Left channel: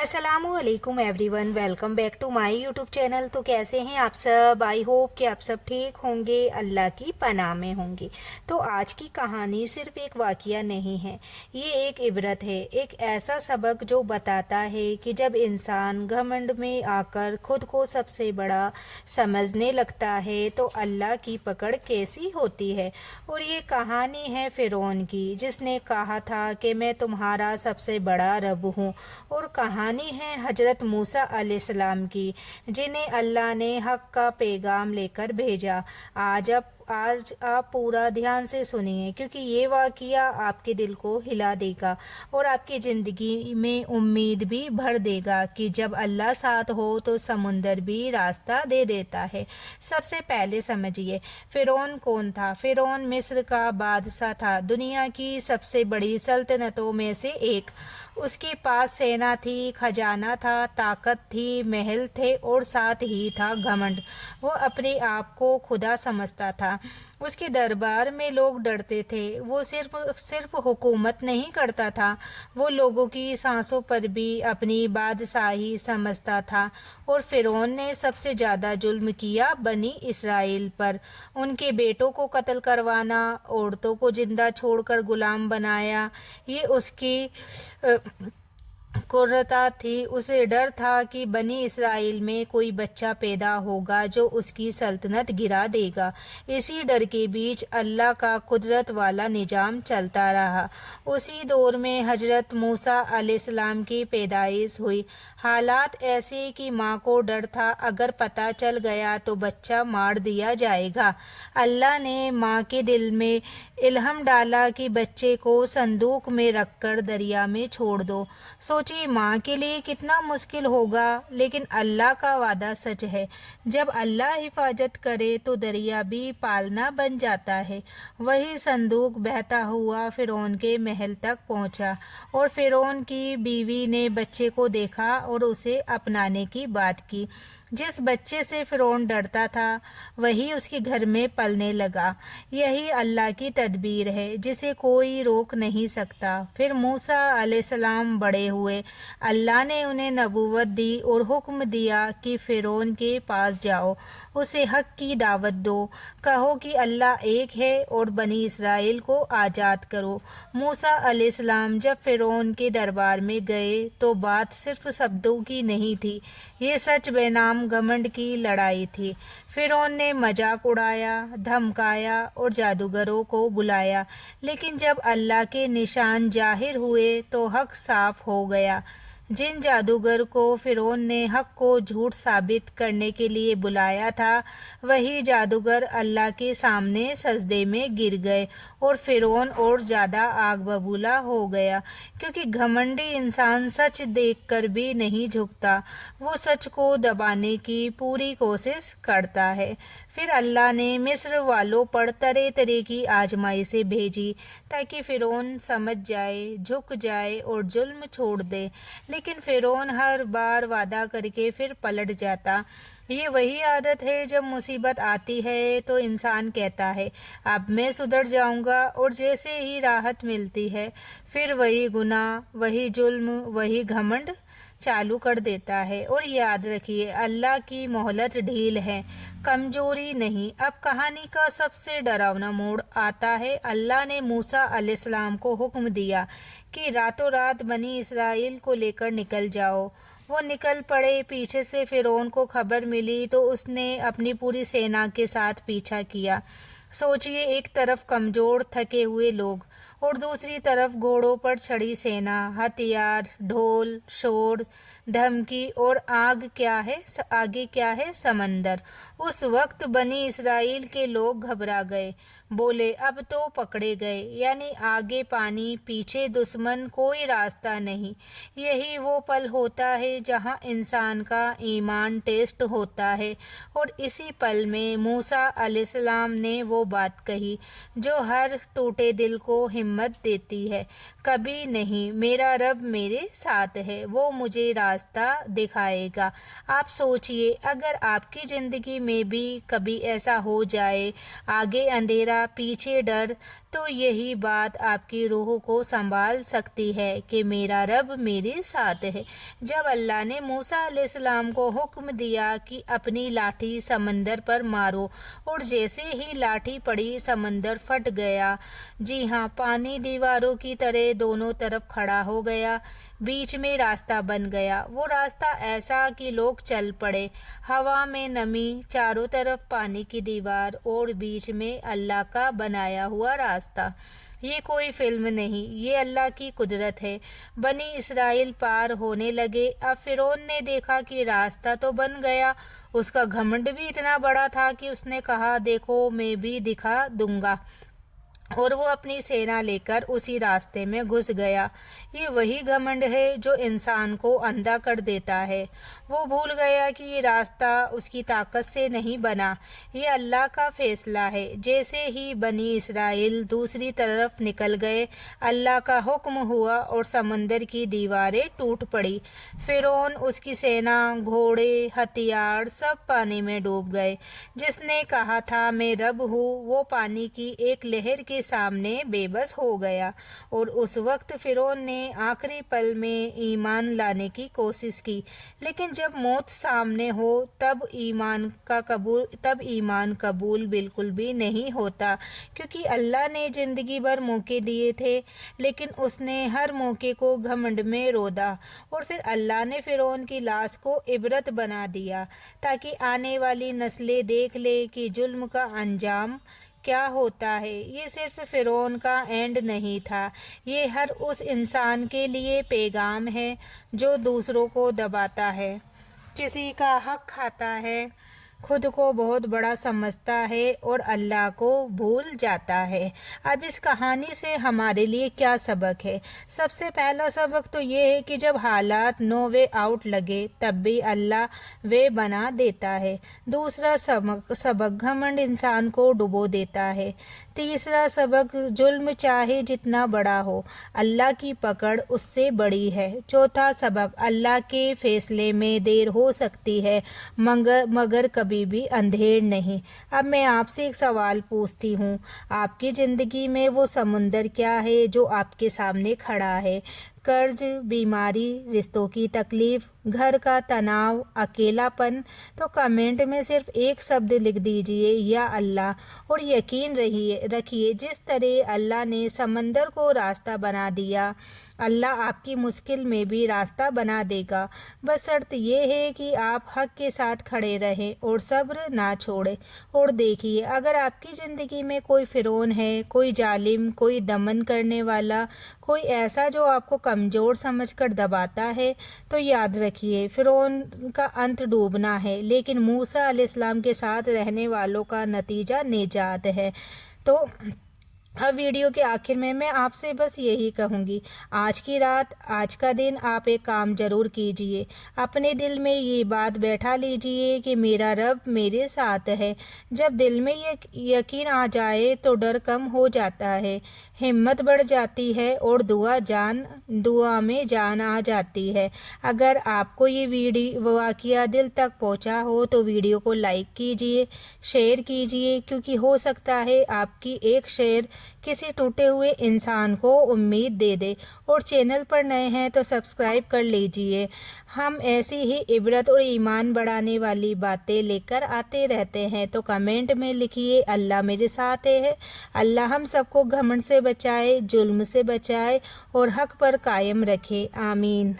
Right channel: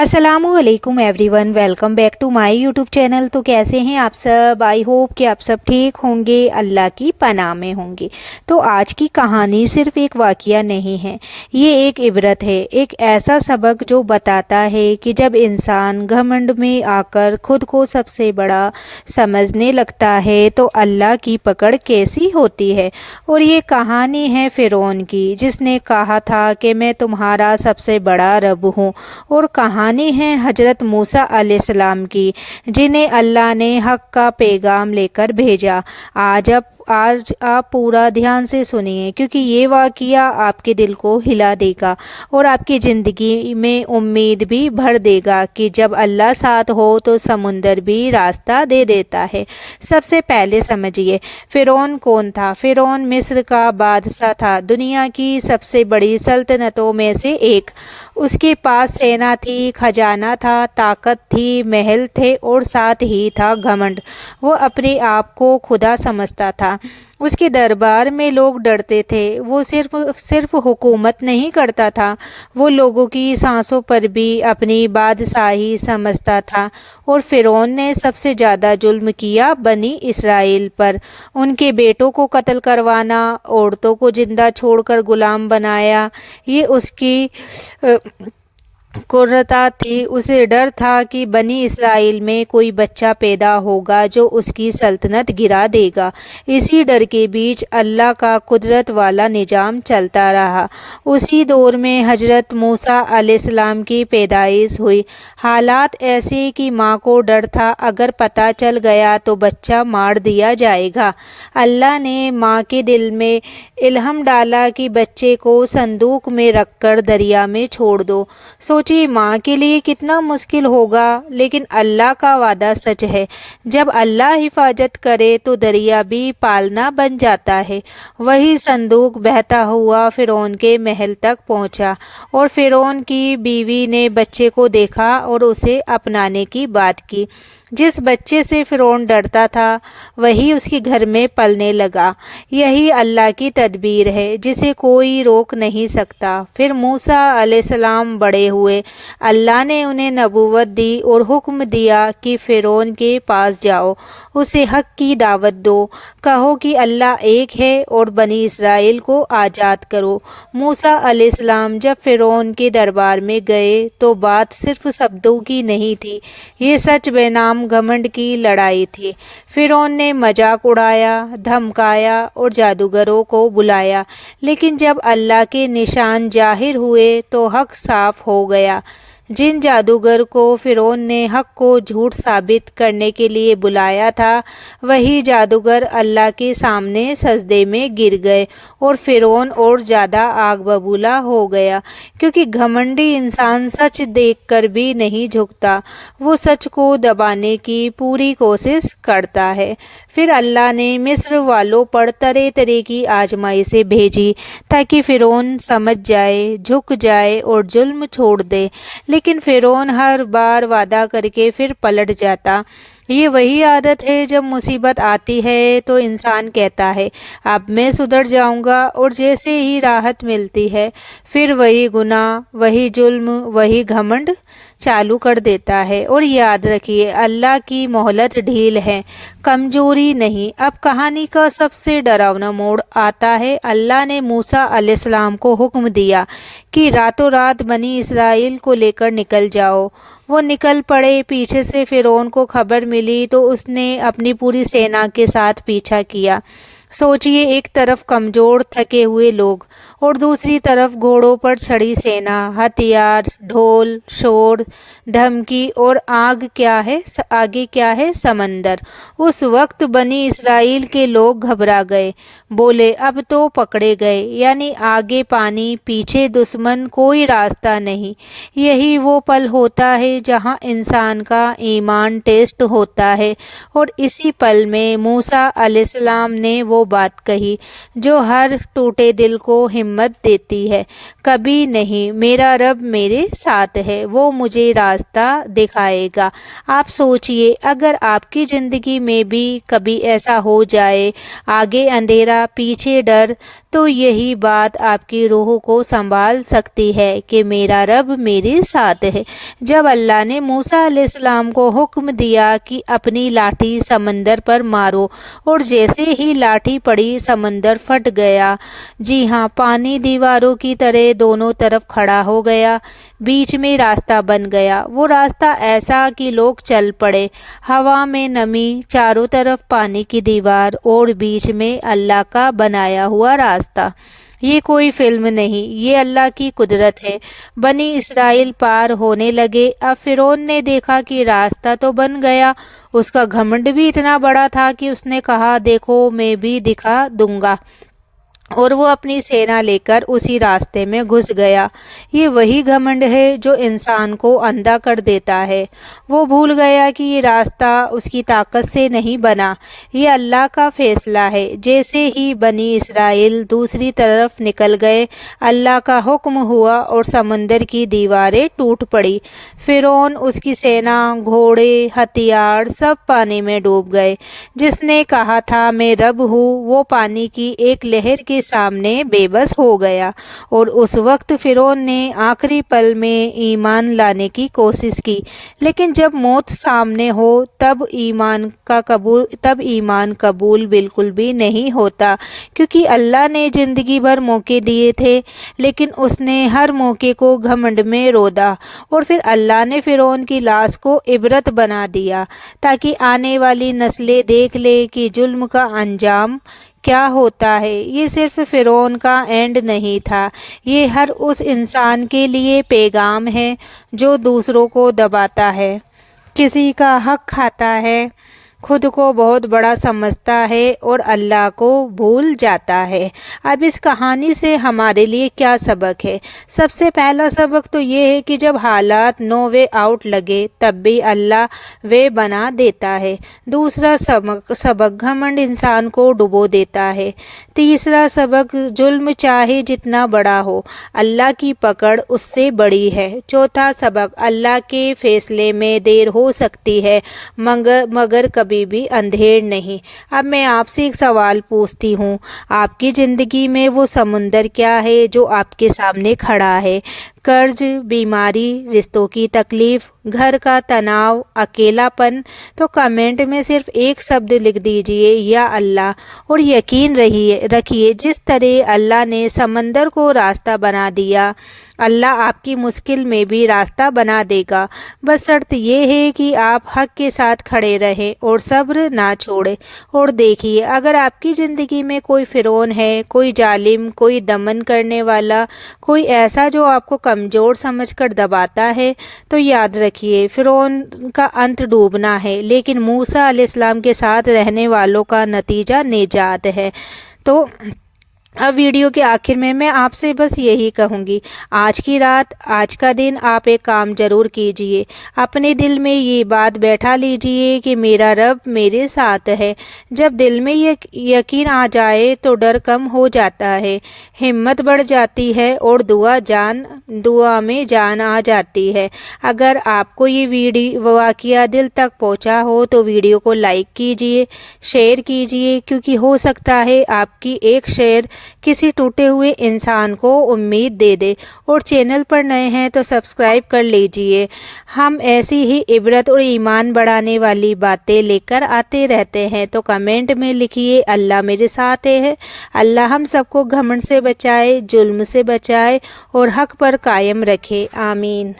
अस्सलाम वालेकुम everyone, welcome back to my YouTube channel. तो कैसे हैं आप सब? आई होप कि आप सब ठीक होंगे, अल्लाह की पनाह में होंगे। तो आज की कहानी सिर्फ एक वाक़या नहीं है, ये एक इबरत है, एक ऐसा सबक जो बताता है कि जब इंसान घमंड में आकर खुद को सबसे बड़ा समझने लगता है तो अल्लाह की पकड़ कैसी होती है। और ये कहानी है फ़िरौन की, जिसने कहा था कि मैं तुम्हारा सबसे बड़ा रब हूँ। और कहानी है हजरत मूसा अलैहिस्सलाम की, जिन्हें अल्लाह ने हक का पैगाम लेकर भेजा। आज आप पूरा ध्यान से सुनिए, क्योंकि ये वाक़या आपके दिल को हिला देगा और आपकी ज़िंदगी में उम्मीद भी भर देगा कि जब अल्लाह साथ हो तो समुंदर भी रास्ता दे देता है। सबसे पहले समझिए, फ़िरौन कौन था। फ़िरौन मिस्र का बादशाह था, दुनिया की सबसे बड़ी सल्तनतों में से एक। उसके पास सेना थी, खजाना था, ताकत थी, महल थे और साथ ही था घमंड। वो अपने आप को खुदा समझता था। उसके दरबार में लोग डरते थे। वो सिर्फ सिर्फ हुकूमत नहीं करता था, वो लोगों की सांसों पर भी अपनी बादशाही समझता था। और फ़िरौन ने सबसे ज़्यादा जुल्म किया बनी इसराइल पर। उनके बेटों को कत्ल करवाना, औरतों को जिंदा छोड़कर गुलाम बनाया, ये उसकी कुर्रता थी। उसे डर था कि बनी इसराइल में कोई बच्चा पैदा होगा जो उसकी सल्तनत गिरा देगा। इसी डर के बीच अल्लाह का कुदरत वाला निज़ाम चलता रहा। उसी दौर में हजरत मूसा अलैहिस्सलाम की पैदाइश हुई। हालात ऐसे कि माँ को डर था, अगर पता चल गया तो बच्चा मार दिया जाएगा। अल्लाह ने माँ के दिल में इल्हम डाला कि बच्चे को संदूक में रखकर दरिया में छोड़ दो। सोचिए माँ के लिए कितना मुश्किल होगा, लेकिन अल्लाह का वादा सच है। जब अल्लाह हिफाजत करे तो दरिया भी पालना बन जाता है। वही संदूक बहता हुआ फ़िरौन के महल तक पहुंचा और फ़िरौन की बीवी ने बच्चे को देखा और उसे अपनाने की बात की। जिस बच्चे से फ़िरौन डरता था वही उसके घर में पलने लगा। यही अल्लाह की तदबीर है, जिसे कोई रोक नहीं सकता। फिर मूसा अलैहिस्सलाम बड़े हुए। अल्लाह ने उन्हें नबूवत दी और हुक्म दिया कि फ़िरौन के पास जाओ, उसे हक की दावत दो, कहो कि अल्लाह एक है और बनी इसराइल को आज़ाद करो। मूसा अलैहिस्सलाम जब फ़िरौन के दरबार में गए तो बात सिर्फ शब्दों की नहीं थी, ये सच बेनाम घमंड की लड़ाई थी। फ़िरौन ने मजाक उड़ाया, धमकाया और जादूगरों को बुलाया, लेकिन जब अल्लाह के निशान जाहिर हुए तो हक साफ हो गया। जिन जादूगर को फ़िरौन ने हक को झूठ साबित करने के लिए बुलाया था, वही जादूगर अल्लाह के सामने सजदे में गिर गए और फ़िरौन और ज़्यादा आग बबूला हो गया, क्योंकि घमंडी इंसान सच देखकर भी नहीं झुकता, वो सच को दबाने की पूरी कोशिश करता है। फिर अल्लाह ने मिस्र वालों पर तरह तरह की आजमाइशें भेजी ताकि फ़िरौन समझ जाए, झुक जाए और जुल्म छोड़ दे। लेकिन फ़िरौन हर बार वादा करके फिर पलट जाता। ये वही आदत है, जब मुसीबत आती है तो इंसान कहता है अब मैं सुधर जाऊंगा, और जैसे ही राहत मिलती है फिर वही गुनाह, वही जुल्म, वही घमंड चालू कर देता है। और याद रखिए, अल्लाह की मोहलत ढील है, कमजोरी नहीं। अब कहानी का सबसे डरावना मोड़ आता है। अल्लाह ने मूसा अलैहिस्सलाम को हुक्म दिया कि रातों रात बनी इसराइल को लेकर निकल जाओ। वो निकल पड़े। पीछे से फ़िरौन को खबर मिली तो उसने अपनी पूरी सेना के साथ पीछा किया। सोचिए, एक तरफ कमज़ोर थके हुए लोग और दूसरी तरफ घोड़ों पर चढ़ी सेना, हथियार, ढोल, शोर, धमकी और आगे क्या है समंदर। उस वक्त बनी इसराइल के लोग घबरा गए, बोले अब तो पकड़े गए, यानी आगे पानी, पीछे दुश्मन, कोई रास्ता नहीं। यही वो पल होता है जहां इंसान का ईमान टेस्ट होता है। और इसी पल में मूसा अलैहिस्सलाम ने वो बात कही जो हर टूटे दिल को हिम्मत देती है, कभी नहीं, मेरा रब मेरे साथ है, वो मुझे रास्ता दिखाएगा। आप सोचिए, अगर आपकी ज़िंदगी में भी कभी ऐसा हो जाए, आगे अंधेरा, पीछे डर, تو یہی بات آپ کی روح کو سنبھال سکتی ہے کہ میرا رب میرے ساتھ ہے۔ جب اللہ نے موسیٰ علیہ السلام کو حکم دیا کہ اپنی لاٹھی سمندر پر مارو، اور جیسے ہی لاٹھی پڑی سمندر پھٹ گیا۔ جی ہاں، پانی دیواروں کی طرح دونوں طرف کھڑا ہو گیا، بیچ میں راستہ بن گیا۔ وہ راستہ ایسا کہ لوگ چل پڑے، ہوا میں نمی، چاروں طرف پانی کی دیوار اور بیچ میں اللہ کا بنایا ہوا راستہ۔ یہ کوئی فلم نہیں، یہ اللہ کی قدرت ہے۔ بنی اسرائیل پار ہونے لگے۔ اب فرعون نے دیکھا کہ راستہ تو بن گیا۔ اس کا گھمنڈ بھی اتنا بڑا تھا کہ اس نے کہا، دیکھو میں بھی دکھا دوں گا، اور وہ اپنی سینا لے کر اسی راستے میں گھس گیا۔ یہ وہی گھمنڈ ہے جو انسان کو اندھا کر دیتا ہے۔ وہ بھول گیا کہ یہ راستہ اس کی طاقت سے نہیں بنا، یہ اللہ کا فیصلہ ہے۔ جیسے ہی بنی اسرائیل دوسری طرف نکل گئے، اللہ کا حکم ہوا اور سمندر کی دیواریں ٹوٹ پڑی۔ فرعون، اس کی سینا، گھوڑے، ہتھیار سب پانی میں ڈوب گئے۔ جس نے کہا تھا میں رب ہوں، وہ پانی کی ایک لہر کے سامنے بے بس ہو گیا۔ اور اس وقت فرعون نے آخری پل میں ایمان لانے کی کوشش کی، لیکن جب موت سامنے ہو تب ایمان قبول بالکل بھی نہیں ہوتا، کیونکہ اللہ نے زندگی بھر موقع دیے تھے، لیکن اس نے ہر موقع کو گھمنڈ میں رودہ، اور پھر اللہ نے فرعون کی لاش کو عبرت بنا دیا تاکہ آنے والی نسلیں دیکھ لے کہ ظلم کا انجام کیا ہوتا ہے۔ یہ صرف فرعون کا اینڈ نہیں تھا، یہ ہر اس انسان کے لیے پیغام ہے جو دوسروں کو دباتا ہے، کسی کا حق کھاتا ہے، خود کو بہت بڑا سمجھتا ہے اور اللہ کو بھول جاتا ہے۔ اب اس کہانی سے ہمارے لیے کیا سبق ہے؟ سب سے پہلا سبق تو یہ ہے کہ جب حالات نو وے آؤٹ لگے تب بھی اللہ وے بنا دیتا ہے۔ دوسرا سبق، گھمنڈ انسان کو ڈبو دیتا ہے۔ تیسرا سبق، ظلم چاہے جتنا بڑا ہو، اللہ کی پکڑ اس سے بڑی ہے۔ چوتھا سبق، اللہ کے فیصلے میں دیر ہو سکتی ہے مگر کبھی بھی اندھیر نہیں۔ اب میں آپ سے ایک سوال پوچھتی ہوں، آپ کی زندگی میں وہ سمندر کیا ہے جو آپ کے سامنے کھڑا ہے؟ قرض، بیماری، رشتوں کی تکلیف، گھر کا تناؤ، اکیلا پن؟ تو کمنٹ میں صرف ایک شبد لکھ دیجئے، یا اللہ، اور یقین رکھیے جس طرح اللہ نے سمندر کو راستہ بنا دیا، اللہ آپ کی مشکل میں بھی راستہ بنا دے گا۔ بس شرط یہ ہے کہ آپ حق کے ساتھ کھڑے رہیں اور صبر نہ چھوڑیں۔ اور دیکھیے، اگر آپ کی زندگی میں کوئی فرعون ہے، کوئی ظالم، کوئی دمن کرنے والا، کوئی ایسا جو آپ کو کمزور سمجھ کر دباتا ہے، تو یاد رکھیے فرعون کا انت ڈوبنا ہے، لیکن موسیٰ علیہ السلام کے ساتھ رہنے والوں کا نتیجہ نجات ہے۔ تو اب ویڈیو کے آخر میں آپ سے بس یہی کہوں گی، آج کی رات، آج کا دن آپ ایک کام ضرور کیجئے، اپنے دل میں یہ بات بیٹھا لیجئے کہ میرا رب میرے ساتھ ہے۔ جب دل میں یقین آ جائے تو ڈر کم ہو جاتا ہے، ہمت بڑھ جاتی ہے، اور دعا میں جان آ جاتی ہے۔ اگر آپ کو یہ واقعہ دل تک پہنچا ہو تو ویڈیو کو لائک کیجئے، شیئر کیجئے، کیونکہ ہو سکتا ہے آپ کی ایک شیئر کسی ٹوٹے ہوئے انسان کو امید دے دے۔ اور چینل پر نئے ہیں تو سبسکرائب کر لیجئے، ہم ایسی ہی عبرت اور ایمان بڑھانے والی باتیں لے کر آتے رہتے ہیں۔ تو کمنٹ میں لکھیے، اللہ میرے ساتھ ہے۔ اللہ ہم سب کو گھمنڈ سے بچائے، ظلم سے بچائے اور حق پر قائم رکھے، آمین۔